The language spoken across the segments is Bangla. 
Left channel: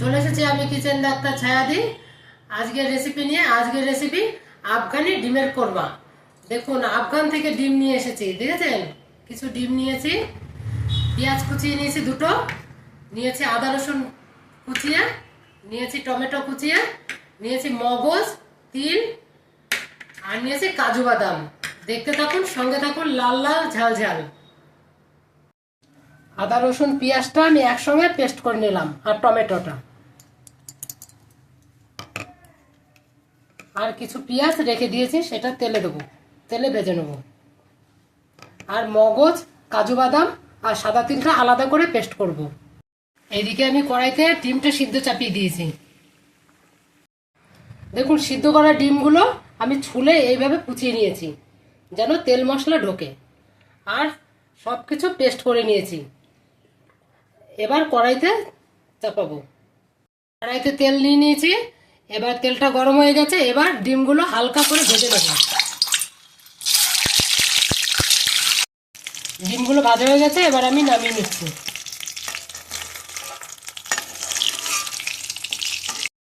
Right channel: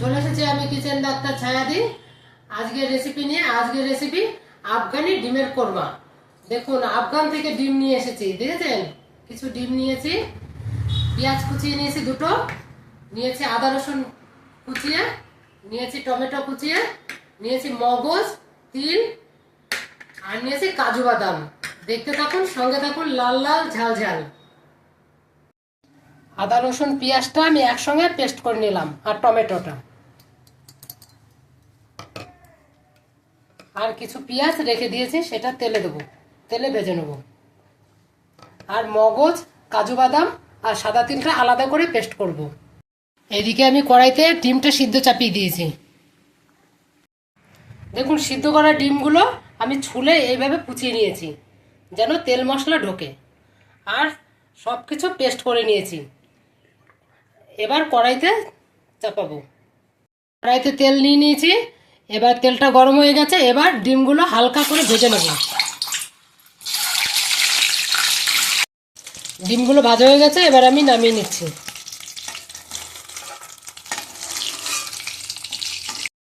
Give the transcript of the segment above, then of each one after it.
চলে এসেছি আমি কিচেন ডাক্তার ছায়াদি। আজকের রেসিপি আফগানি ডিমের কোরমা। দেখুন, আফগান থেকে ডিম নিয়ে এসেছি, দেখেছেন? কিছু ডিম নিয়েছি, পেঁয়াজ কুচিয়ে নিয়েছি দুটো, নিয়েছি আদা রসুন কুচিয়ে, নিয়েছি টমেটো কুচিয়ে, নিয়েছি মগজ, তিল, আর নিয়েছি কাজু বাদাম। দেখতে থাকুন, সঙ্গে থাকুন, লাল লাল ঝাল ঝাল। আদা রসুন পেঁয়াজটা আমি একসঙ্গে পেস্ট করে নিলাম, আর টমেটোটা, আর কিছু পেঁয়াজ রেখে দিয়েছি, সেটা তেলে দেবো, তেলে ভেজে নেব। আর মগজ, কাজু বাদাম আর সাদা তিলটা আলাদা করে পেস্ট করব। এদিকে আমি কড়াইতে ডিমটা সিদ্ধ চাপিয়ে দিয়েছি। দেখুন, সিদ্ধ করা ডিমগুলো আমি ছুলে এইভাবে কুচিয়ে নিয়েছি, যেন তেল মশলা ঢোকে। আর সব কিছু পেস্ট করে নিয়েছি। এবার কড়াইতে চাপাবো। কড়াইতে তেল নিয়ে নিয়েছি, এবার তেলটা গরম হয়ে গেছে। এবার ডিমগুলো হালকা করে ভেজে নেব। ডিমগুলো ভাজা হয়ে গেছে, এবার আমি নামিয়ে নিচ্ছি।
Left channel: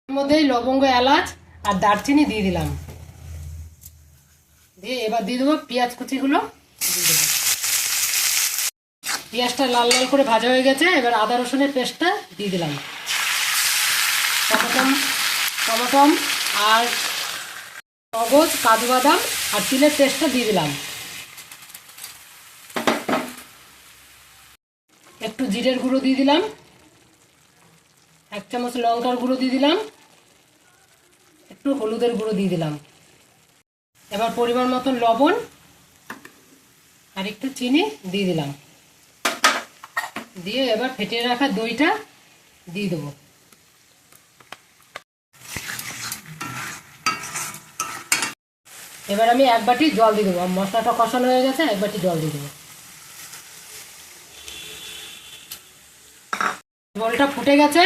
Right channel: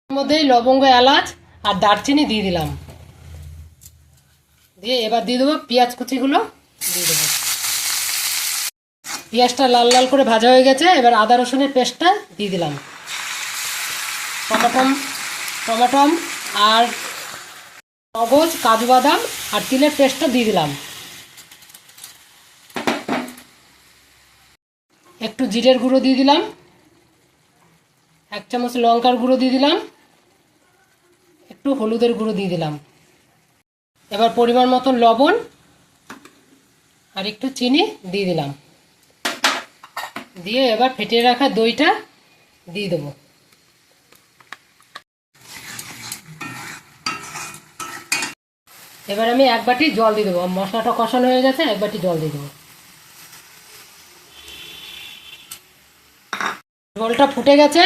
এর মধ্যেই লবঙ্গ, এলাচ আর দারচিনি দিয়ে দিলাম। দিয়ে এবার দিয়ে দেবো পেঁয়াজ কুচিগুলো দিয়ে দেবো। পেঁয়াজটা লাল লাল করে ভাজা হয়ে গেছে, এবার আদা রসুনের পেস্টটা দিয়ে দিলাম। টমাটম আর মগজ, কাজু বাদাম আর তিলের পেস্টটা দিয়ে দিলাম। একটু জিরের গুঁড়ো দিয়ে দিলাম, 1 চামচ লঙ্কার গুঁড়ো দিয়ে দিলাম, একটু হলুদের গুঁড়ো দিয়ে দিলাম। এবার পরিমাণ মতন লবণ আর একটু চিনি দিয়ে দিলাম। দিয়ে এবার ফেটিয়ে রাখা দইটা দিয়ে দেবো। এবার আমি 1 বাটি জল দিয়ে দেবো। মশলাটা কষানো হয়ে গেছে, 1 বাটি জল দিয়ে দেবো। জলটা ফুটে গেছে,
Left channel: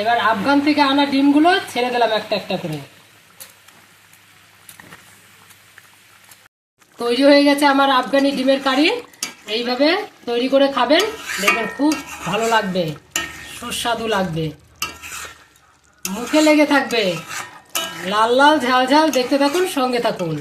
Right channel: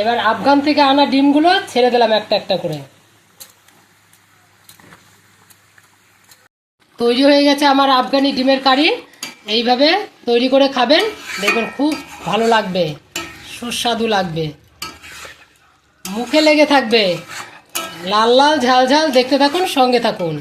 এবার আফগান থেকে আনা ডিমগুলো ছেড়ে দিলাম একটা একটা করে। তৈরি হয়ে গেছে আমার আফগানি ডিমের কারি। এইভাবে তৈরি করে খাবেন, দেখবেন খুব ভালো লাগবে, সুস্বাদু লাগবে, মুখে লেগে থাকবে। লাল লাল ঝাল ঝাল। দেখতে থাকুন, সঙ্গে থাকুন।